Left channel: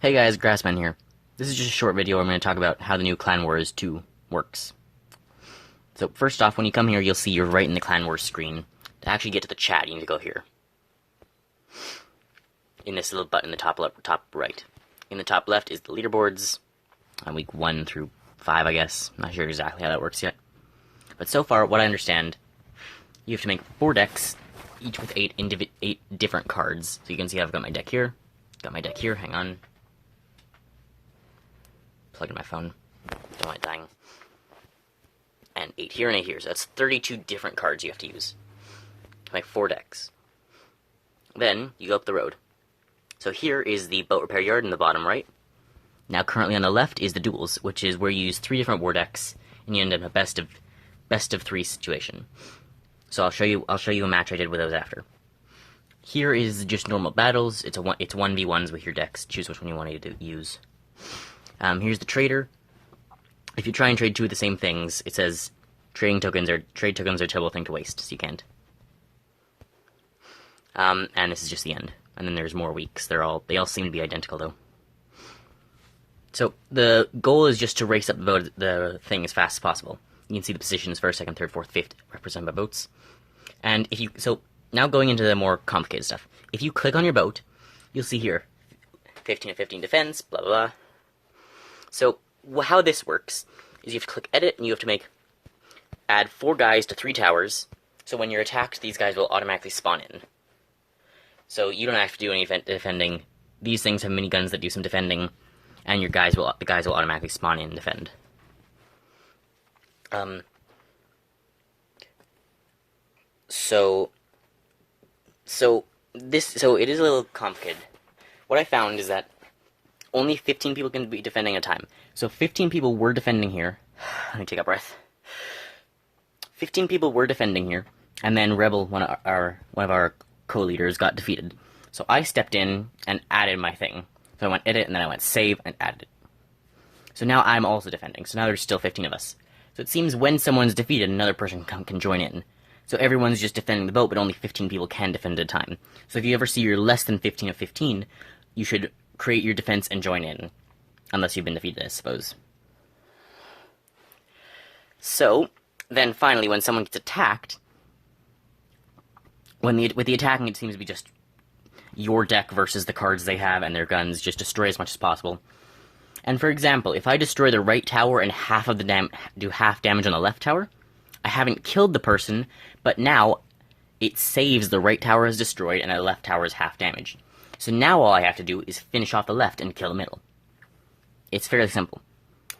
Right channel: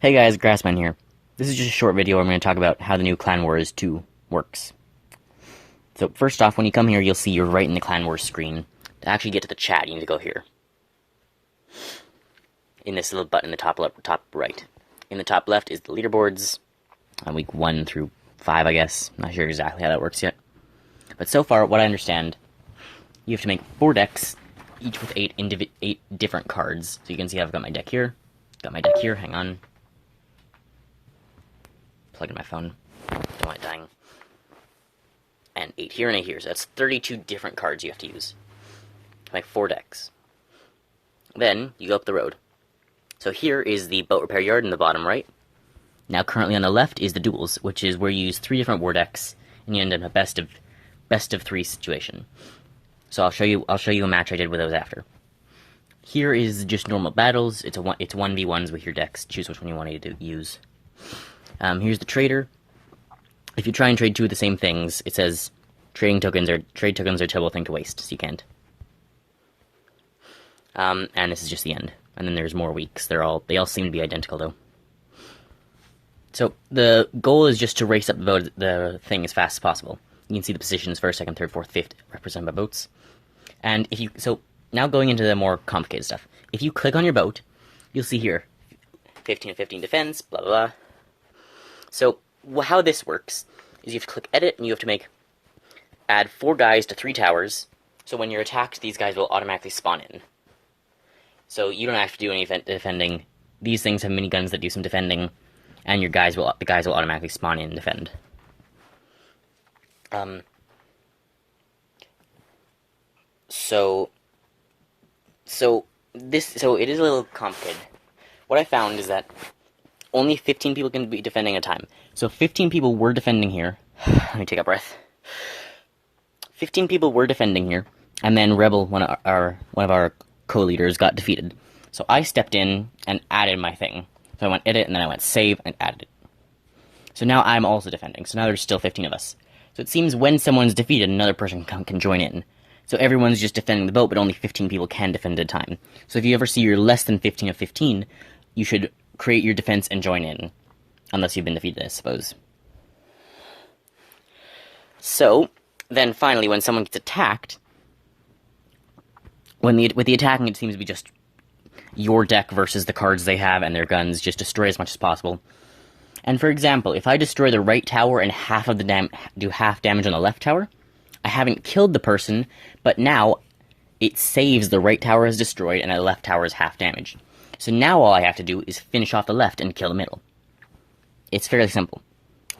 Hey guys, Grassman here. This is just a short video where I'm going to talk about how the new Clan Wars 2 works. So first off, when you come here, you'll see you're right in the Clan Wars screen. To actually get to the chat, you need to go here. In this little button in the top right. In the top left is the leaderboards, on week 1 through 5, I guess. I'm not sure exactly how that works yet. But so far, what I understand, you have to make 4 decks, each with 8 different cards. So you can see I've got my deck here, hang on. Plug in my phone, don't want it dying. And 8 here and 8 here, so that's 32 different cards you have to use to make 4 decks. Then, you go up the road. So here is the boat repair yard in the bottom right. Now currently on the left is the duels, which is where you use 3 different war decks, and you end up in a best of 3 situation. So I'll show you a match I did with those after. Here is just normal battles. It's 1v1s with your decks. Choose which one you want to use. Here's the trader. If you try and trade 2 of the same things, it says trade tokens are a terrible thing to waste, so you can't. And this is just the end. And then there's more weeks. They all seem to be identical though. So the goal is just to race up the thing as fast as possible. You can see the positions 1st, 2nd, 3rd, 4th, 5th represented by boats. And so now going into the more complicated stuff. If you click on your boat, you'll see here 15 of 15 defense, blah blah blah. So how this works is you have to click edit and you have to add 4 guys to 3 towers. So when you're attacked, these guys will automatically spawn in. So you don't have to do any defending. These things have miniguns that do some defending, and the guys will automatically spawn in and defend. So it is a little complicated. What I found is that only 15 people can be defending at a time. So 15 people were defending here. Let me take a breath. 15 people were defending here, and then Rebel, one of our co-leaders, got defeated. So I stepped in and added my thing. So I went edit, and then I went save, and added it. So now I'm also defending. So now there's still 15 of us. So it seems when someone's defeated, another person can join in. So everyone's just defending the boat, but only 15 people can defend at a time. So if you ever see you're less than 15 of 15, you should create your defense and join in. Unless you've been defeated, I suppose. So, then finally, when someone gets attacked, with the attacking, it seems to be just your deck versus the cards they have and their guns. Just destroy as much as possible. And for example, if I destroy the right tower and do half damage on the left tower, I haven't killed the person, but now it saves the right tower is destroyed and the left tower is half damage. So now all I have to do is finish off the left and kill the middle. It's fairly simple.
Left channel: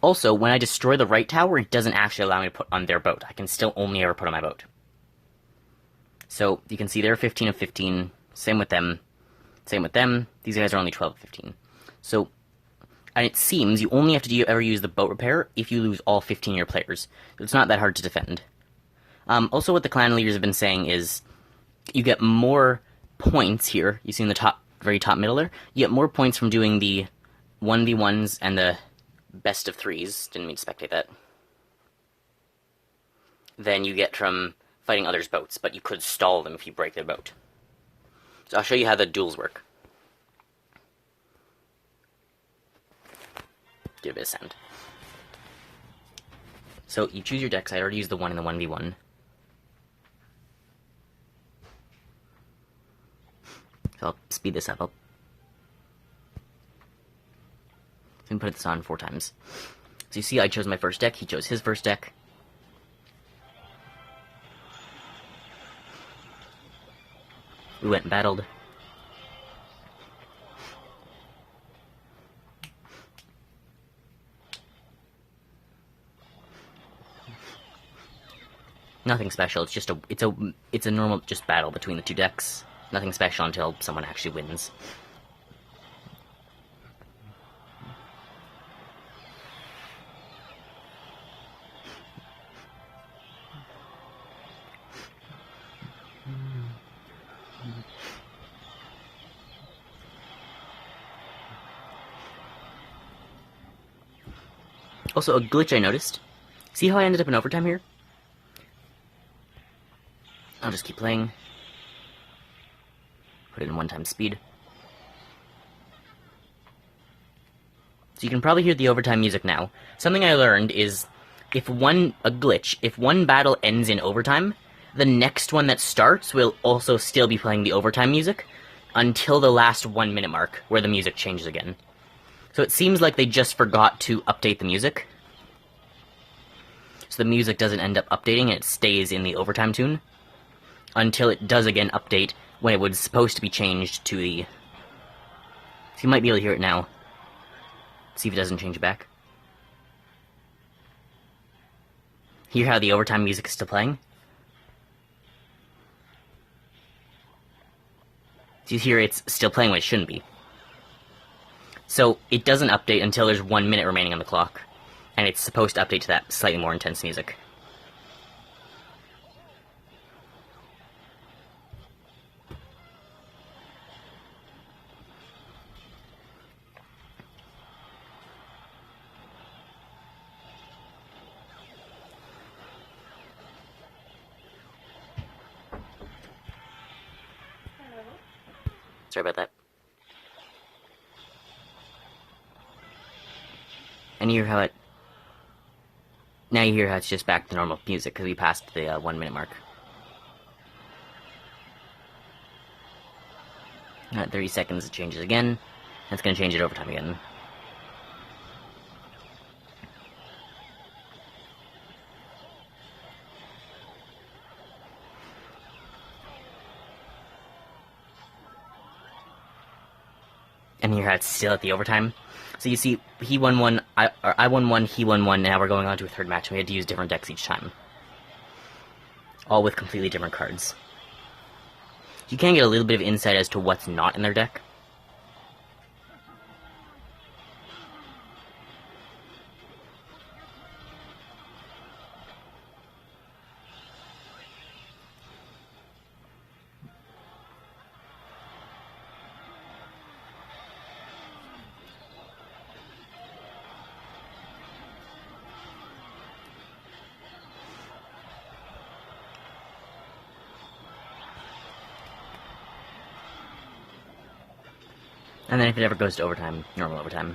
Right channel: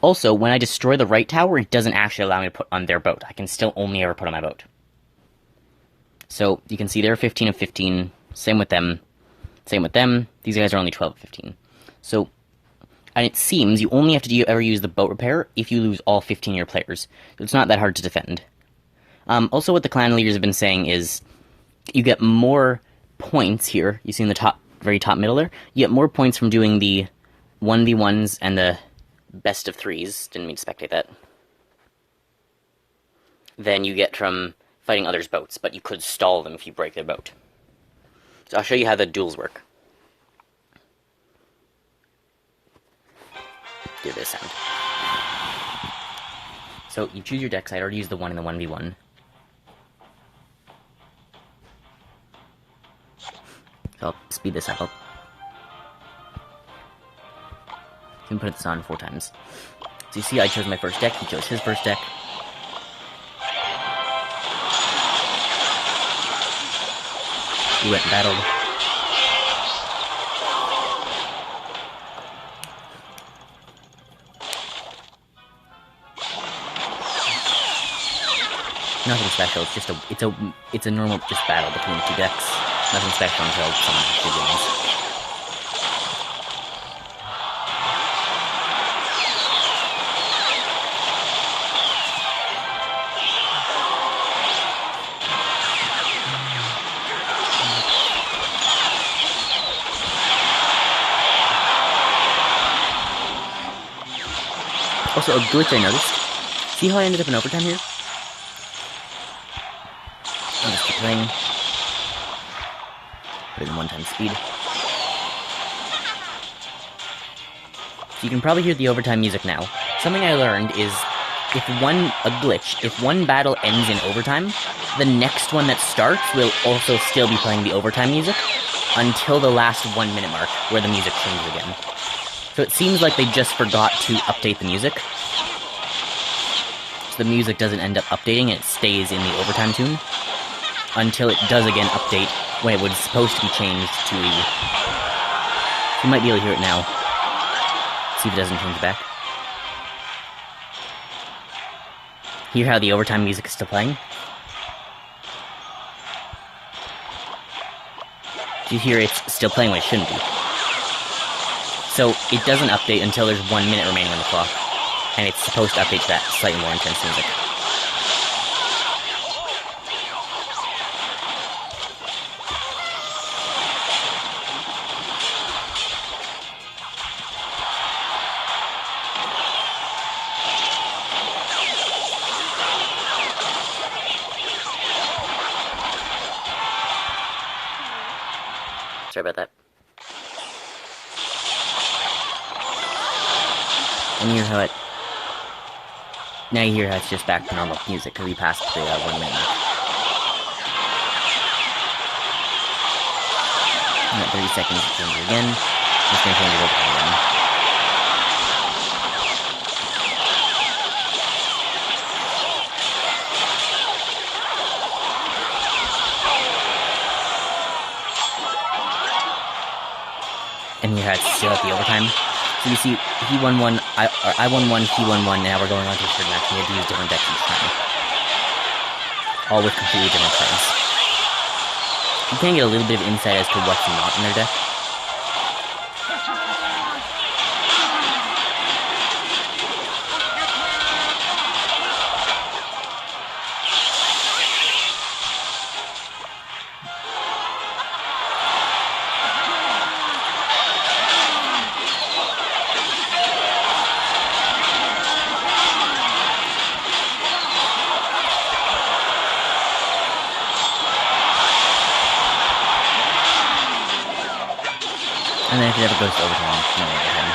Also, when I destroy the right tower, it doesn't actually allow me to put on their boat. I can still only ever put on my boat. So, you can see they're 15 of 15. Same with them. Same with them. These guys are only 12 of 15. So, and it seems you only have to ever use the boat repair if you lose all 15 of your players. It's not that hard to defend. Also, what the clan leaders have been saying is you get more points here. You see in the very top middle there? You get more points from doing the 1v1s and the best of 3s. Didn't mean to spectate that. Than you get from fighting others' boats, but you could stall them if you break their boat. So I'll show you how the duels work. Do this sound. So you choose your decks. I already used the 1 in the 1v1. So I'll speed this up. And put this on 4 times. So you see I chose my first deck, he chose his first deck. We went and battled. Nothing special, it's a normal just battle between the 2 decks. Nothing special until someone actually wins. Also, a glitch I noticed. See how I ended up in overtime here? I'll just keep playing. Put it in 1 time speed. So you can probably hear the overtime music now. Something I learned is, if one battle ends in overtime, the next one that starts will also still be playing the overtime music until the last 1 minute mark, where the music changes again. So it seems like they just forgot to update the music. So the music doesn't end up updating, it stays in the overtime tune until it does again update when it was supposed to be changed to the... You might be able to hear it now. See if it doesn't change back. Hear how the overtime music is still playing? You hear it's still playing when it shouldn't be. So it doesn't update until there's 1 minute remaining on the clock, and it's supposed to update to that slightly more intense music. Sorry about that. And you hear how it... Now you hear how it's just back to normal music, because we passed the 1 minute mark. And at 30 seconds it changes again. I'm just going to change it over again. And here it's still at the overtime. So you see, he won one, I won one, he won one, and now we're going on to a third match, and we had to use different decks each time. All with completely different cards. You can get a little bit of insight as to what's not in their deck. And then if it ever goes to overtime, normal overtime.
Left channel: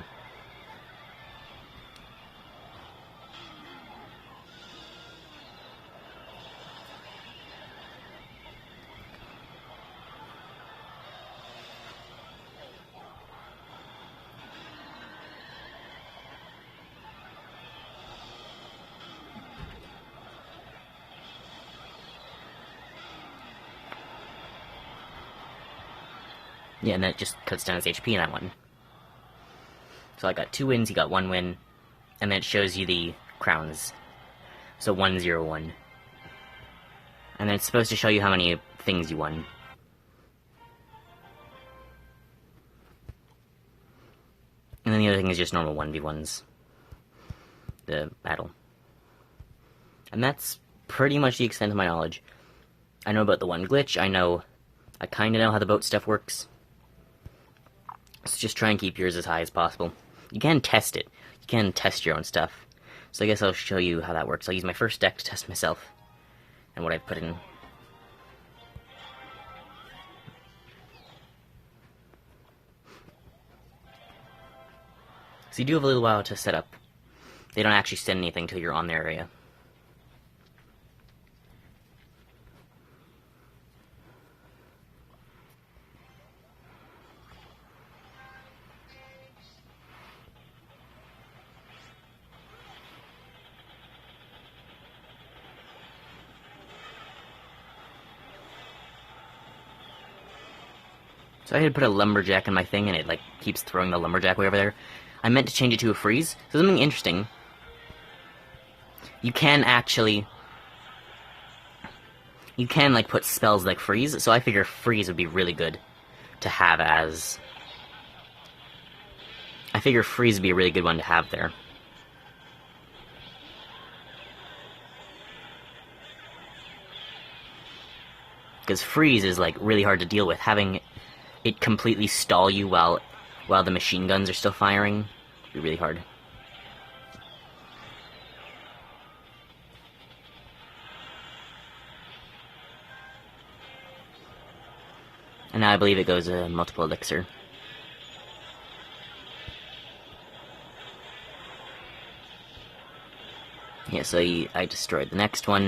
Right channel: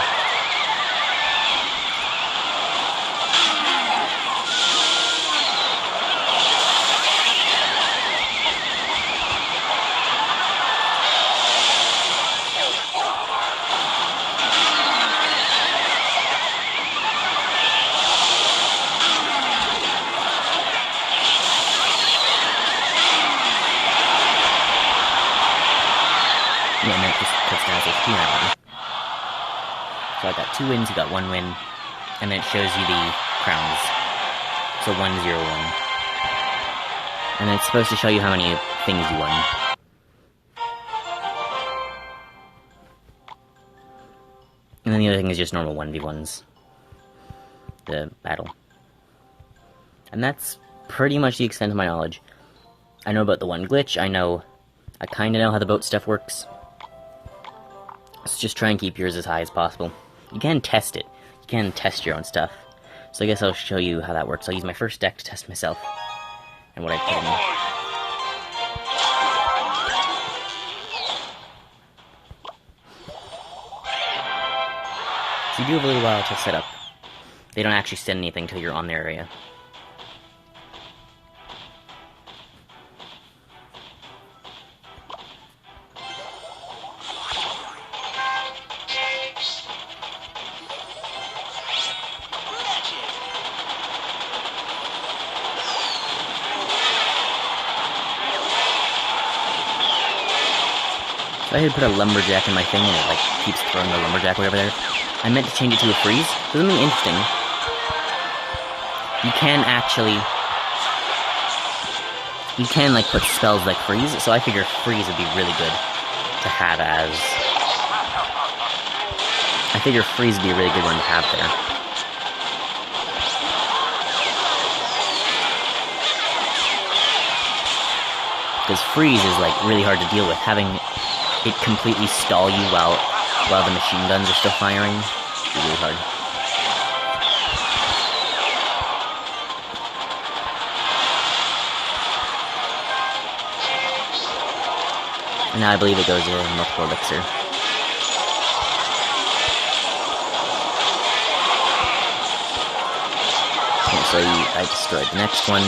Yeah, and then it just cuts down his HP and I won. So I got 2 wins, he got 1 win, and then it shows you the crowns. So 1, 0, 1. And then it's supposed to show you how many things you won. And then the other thing is just normal 1v1s. The battle. And that's pretty much the extent of my knowledge. I know about the one glitch, I kinda know how the boat stuff works. Let's just try and keep yours as high as possible. You can test it. You can test your own stuff. So I guess I'll show you how that works. I'll use my first deck to test myself. And what I put in. So you do have a little while to set up. They don't actually send anything until you're on their area. So I had put a lumberjack in my thing and it like keeps throwing the lumberjack way over there. I meant to change it to a freeze. So something interesting. You can like put spells like freeze, so I figure freeze would be really good to have as... I figure freeze would be a really good one to have there. Because freeze is like really hard to deal with, having it completely stall you while the machine guns are still firing. It's really hard. And now I believe it goes to multiple elixir. Yeah, so I destroyed the next one.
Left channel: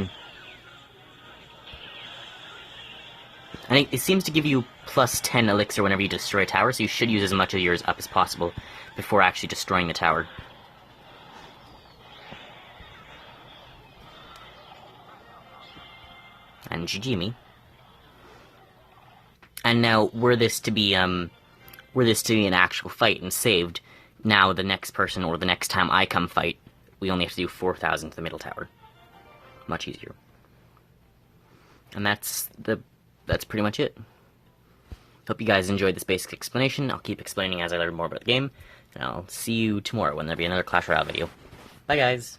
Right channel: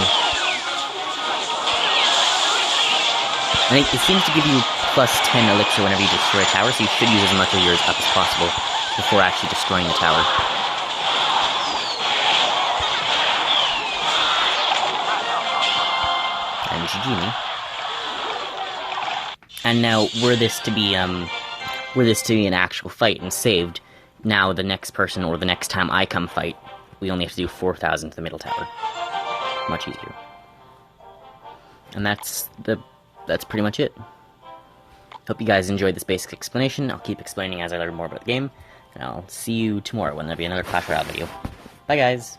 And it seems to give you plus 10 elixir whenever you destroy a tower, so you should use as much of yours up as possible before actually destroying the tower. And GG me. And now, were this to be an actual fight and saved, now the next person or the next time I come fight, we only have to do 4,000 to the middle tower. Much easier. And that's pretty much it. Hope you guys enjoyed this basic explanation. I'll keep explaining as I learn more about the game, and I'll see you tomorrow when there'll be another Clash Royale video. Bye guys!